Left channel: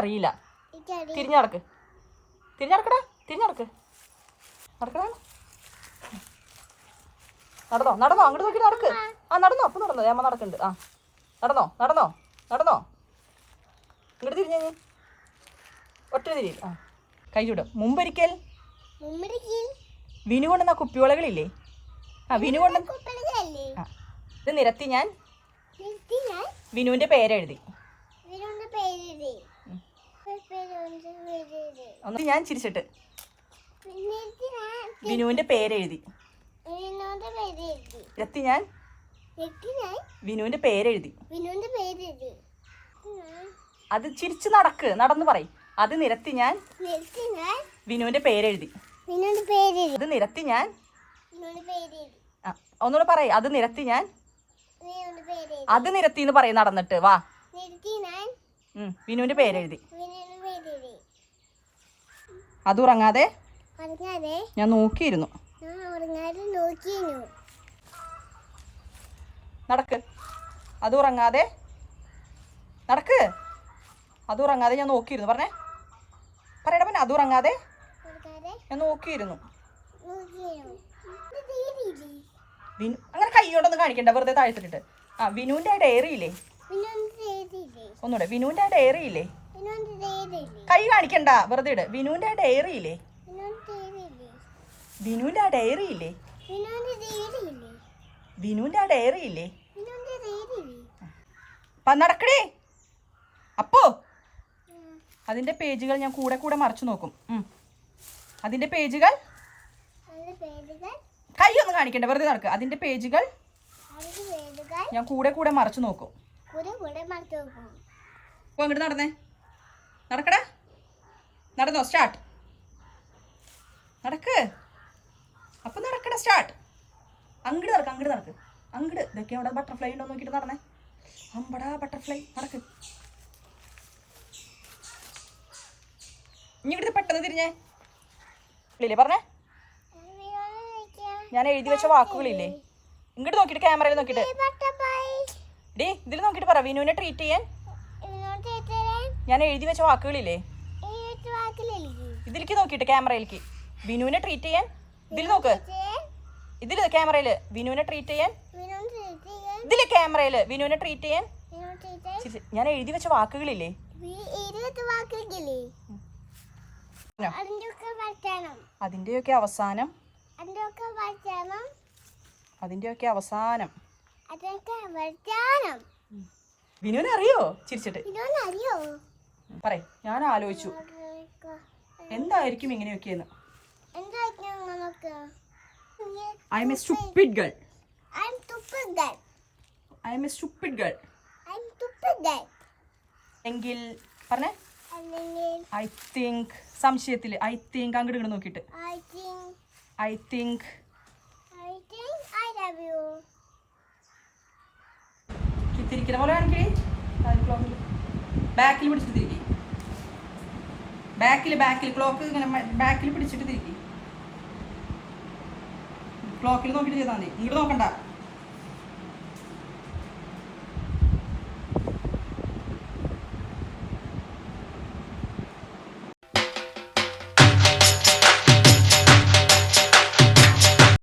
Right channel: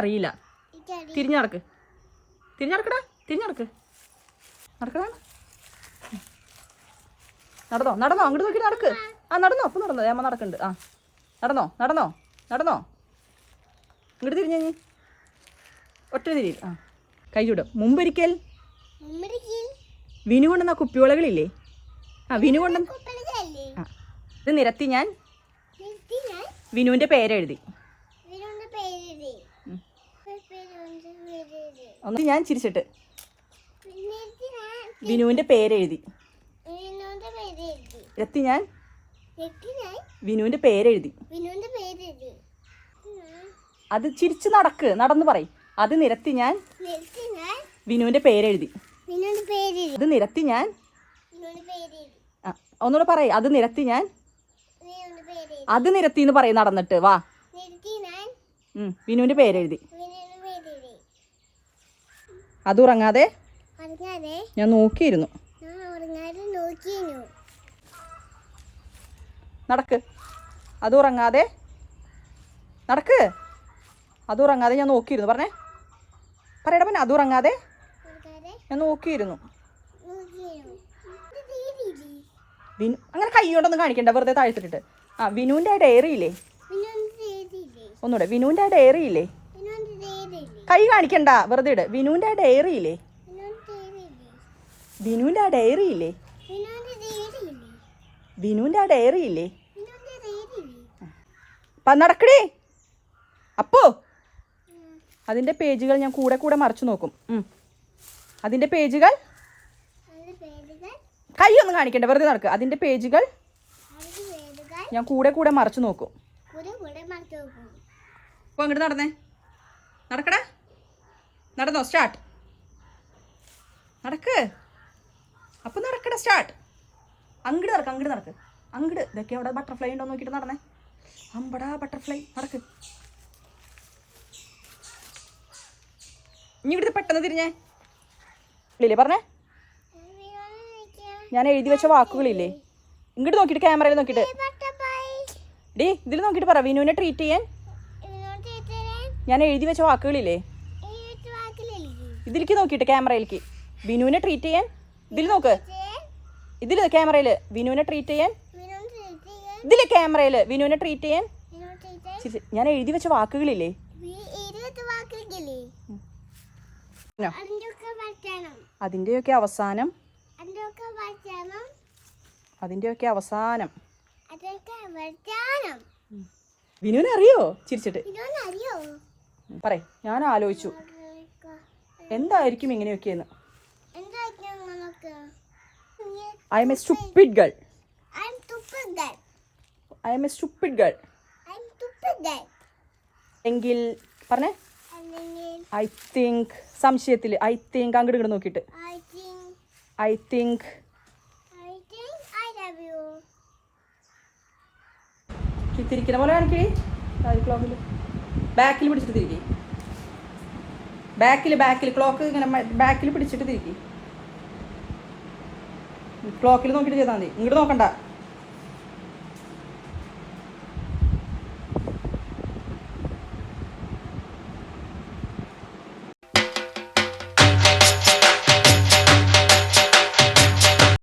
അറിയില്ല. തിരിഞ്ഞടക്ക്, തിരിഞ്ഞടക്കടാ, തിരിഞ്ഞടക്ക്, നടക്കടാ. നടന്നോ, നടന്നോ, അങ്ങോട്ട് നോക്കി നടക്ക്. ആ നടന്നോ, അപ്പൊ നടന്നോ, അമ്മ നടക്കുന്നുണ്ട്. ആ നടന്നോ, നടന്നോ, നടന്നോ, ഇങ്ങോട്ട് തിരിഞ്ഞു, ഒറ്റ തിരി. ആ കൈ ചൂടും. മുമ്പൊരിക്കൽ വിനു കൊണ്ടുവന്ന കുപ്പിവളകളില്ലേ? ആ വിനു കൊണ്ട ഇത് നിരത്തി ഞാൻ വിനുവിന്റെ പേരെഴുതി. ഒന്ന് ഞാൻ ചിരിച്ചിട്ട് വിനുവിന്റെ പേരെഴുതി. എത്തി ഞാൻ വിനുവിന്റെ പേരെഴുതി. അത് ചിരിച്ച് നടക്ക്, നടന്നു പറയും. അത് നിരത്തി ഞാൻ വിനുവിന്റെ പേരെഴുതി. അത് നിരത്തി ഞാൻ ഒന്നുകൂടെ പറയും. അത് നിരത്തി ഞാൻ അത് നിരത്തി എന്ന് പറയും. നടന്നിട്ട് വാ. വിനുവിന്റെ പേരെഴുതി. അത് ഉറങ്ങാതെ ഞാൻ നോക്കിയിരുന്നു. നടക്ക്. അത് ഉറങ്ങാതെ നടക്ക്. അത് ഉറങ്ങാതെ ഞാൻ നോക്കിയിരുന്നു. പറഞ്ഞേ, പറയടാ. പിന്നെ അത് ഉറങ്ങാതെ ഞാൻ നോക്കിയിരുന്നു. വിനു അങ്ങനെ കൈ കൊണ്ടൊന്നും കാണിക്കണ്ട, വെറുതെ താഴ്ത്തിട്ട്. ആ വിനുവിന്റെ ഡയറി ഇല്ലേ? ഒന്നുകൂടെ. വിനുവിന്റെ ഡയറി ഇല്ലേ? കൈ കാണിക്കണ്ട, വെറുതെ ഇട്. വിനുവിന്റെ ഡയറി ഇല്ലേ? വിനുവിന്റെ ഡയറി ഇല്ലേ? വിനുവിന്റെ ഡയറി ഇല്ലേ? നടക്കടേ. അപ്പോ അതിന്റെ പേജുകൾ ഞാൻ കൂടെ കൂടെ മറിച്ചു നോക്കും. അതിന്റെ പേജുകൾ കൈ ഒന്നും കാണിക്കണ്ട, വെറുതെ നടക്കുക. അതിന്റെ പേജുകൾ ഞാൻ കൂടെ കൂടെ മറിച്ചു നോക്കും. അപ്പൊ അങ്ങോട്ട് നടന്നേ, നടക്കടാ. നടന്നോ, സ്റ്റാർട്ട്. നടക്ക്. അപ്പൊ നടക്കട, സ്റ്റാർട്ട്. അങ്ങോട്ട് നടക്ക്, അങ്ങോട്ട് നടക്ക്, അങ്ങോട്ട്. ഇതൊക്കെ അവിടെ ബട്ടർഫ്ലൈ ഉണ്ടോ നോക്കിട്ട് നടന്നേ. അമ്പടാ ബട്ടർഫ്ലൈ. നടക്ക്. ഇനി ഇവിടുത്തെ പെട്ടെന്ന് തിരിഞ്ഞേ. ഇല്ലേ പറഞ്ഞേ, ഞാൻ എഴുതി വെച്ച വാക്കുകളില്ലേ? ഇങ്ങോട്ട് നോക്കിട്ട്, ക്യാമറയിൽ നോക്കിട്ട്. ഡി ഇതിൽ നോക്കിട്ട് പറ. വിനുവിനെ ട്രീറ്റ് ചെയ്യാൻ ഞാൻ എഴുതി വെച്ച വാക്കുകളില്ലേ? ഇതിലേക്ക് നോക്കിട്ട്, ക്യാമറയിലേക്ക്. വിനുവിനെ ട്രീറ്റ് ചെയ്യാൻ ഇതിൽ നോക്ക്. ഇതില് ക്യാമറയില് വിനുവിനെ ട്രീറ്റ് ചെയ്യാൻ. ഇതിലെ ക്യാമറയില് വിനുവിനെ ട്രീറ്റ് ചെയ്യാൻ ഞാൻ എഴുതി വെച്ച വാക്കുകളില്ലേ? അതിന്റെയൊക്കെ അവസാനം വിനുവിനെ അറിയോ? ചിരിച്ചിട്ട് പറയ്. ഞാൻ ആലോചിച്ചു എന്തായിരിക്കും ഇങ്ങനെയൊക്കെയെന്ന്. I am a stupid girl. എങ്കിൽ പറഞ്ഞേ. I think സംശയത്തില് I think അങ്ങോട്ട് ഇങ്ങോട്ട് നോക്കിയിട്ട് I think I love you. തിരിക്കുന്ന പോലെ കാണിക്കേ. ബാക്കിൽ പിടിച്ചിട്ട് തിരികെ. ബാക്കിൽ ക്ലോക്ക് ഇങ്ങനെ ബാക്കിൽ പിടിച്ചിട്ട് തിരികെ. ക്ലോക്കിൽ നോക്കിയിട്ട് ചെയ്താൽ മതി. ഇങ്ങോട്ട് നോക്കണ്ട.